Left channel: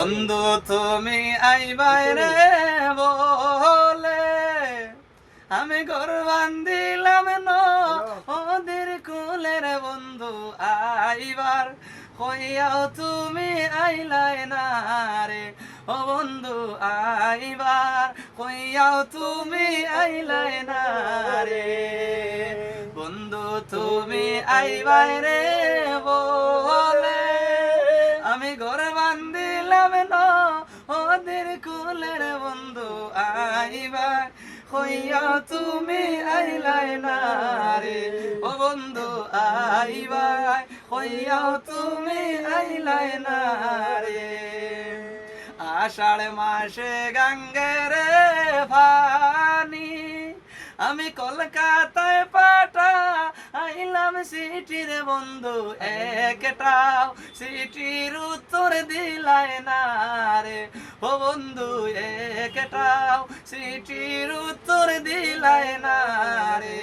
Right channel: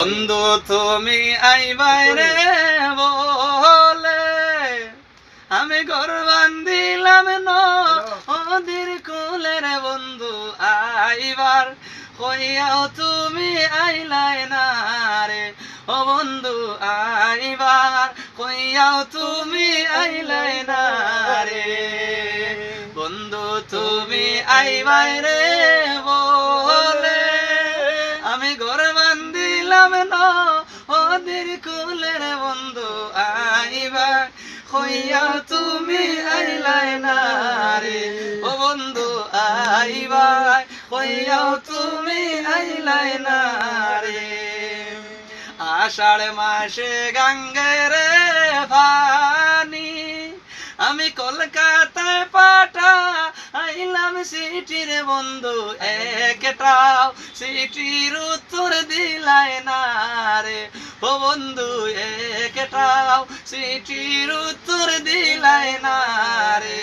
বন্ধু তুমি আইবাই রে বলে আমি ঘর বান্ধিলাম নদীর কুলে রে বন্ধু আইবার কইয়াও তুমি আইলাই না রে ও বন্ধু আইবার কইয়াও তুমি আইলাই না রে বন্ধু তুমি আইবাই রে বলে আমি ঘর বান্ধিলাম নদীর কুলে রে বন্ধু আইবার কইয়া তুমি আইলাই না রে ও বন্ধু আইবার কইয়া তুমি আইলাই না রে আষাঢ় মাসে গঙ্গের পানি আমি কলকাতায় পাঠা আইলাম সিটির বন্ধু একটাও সিটির উত্তর দিলাই না রে ও বন্ধু একটাও সিটির উত্তর দিলাই না রে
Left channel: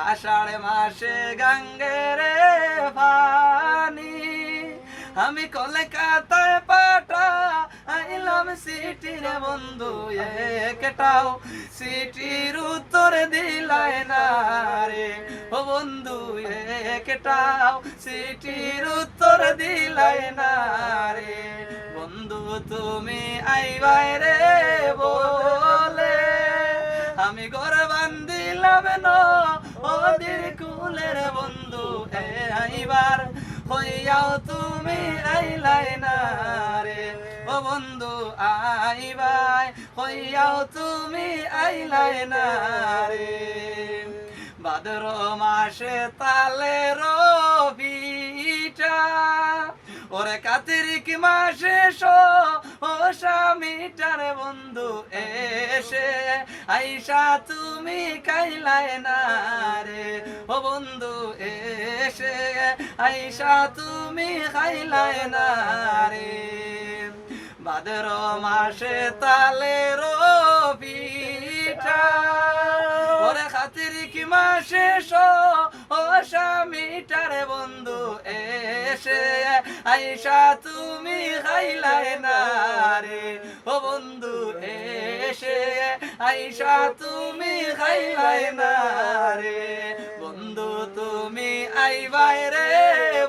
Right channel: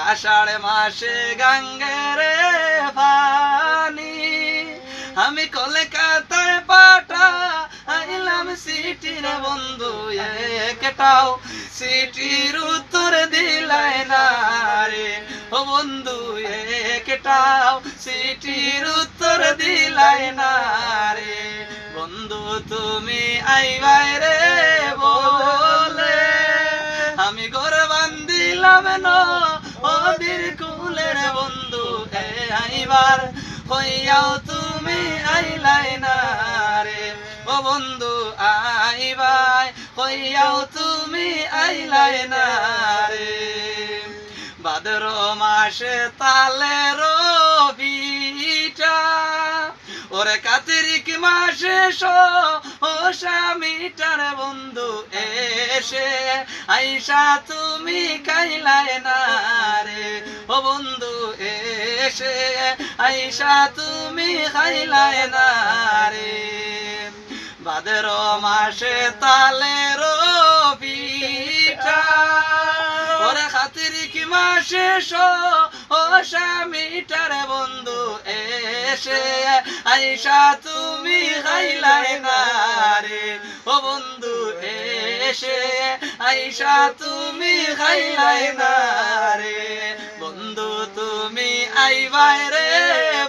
আষাঢ় মাসে গঙ্গের পানি আমি কলকাতায় পাঠা আইলাম সিটির বন্ধু একটাও সিটির উত্তর দিলাই না রে ও বন্ধু একটাও সিটির উত্তর দিলাই না রে বন্ধু তুমি আইবাই রে বলে আমি ঘর বান্ধিলাম নদীর কুলের বন্ধু আইবার কইয়াও তুমি আইলাই না রে ও বন্ধু আইবাই কইয়াও তুমি আইলাই না রে ভাদ্র মাসে তালের পিঠা ওরে কার্তিক মাসে ও স্বামীটার বন্ধু এসে আইসা তুমি খাইলাই না রে ও বন্ধু এসে আইসা তুমি খাইলাই না রে ভাদ্র মাসে তালের পিঠা ওরে কার্তিক মাসে ও স্বামীটার বন্ধু এসে আইসা তুমি খাইলাই না রে ও বন্ধু এসে আইসা তুমি খাইলাই না রে বন্ধু তুমি আইবাই রে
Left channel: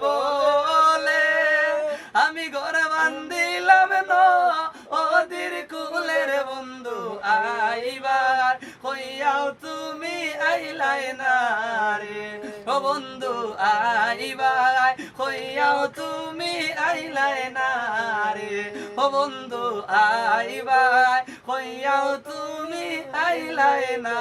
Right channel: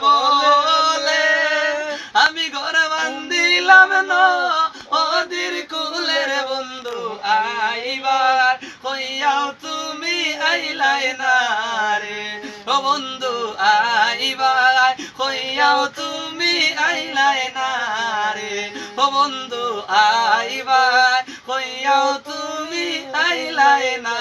বলে আমি ঘর বান্ধিলাম নদীর কুলের বন্ধু আইবার কইয়াও তুমি আইলাই না রে ও বন্ধু আইবার কইয়াও তুমি আইলাই না রে ও বন্ধু আইবার কইয়াও তুমি আইলাই না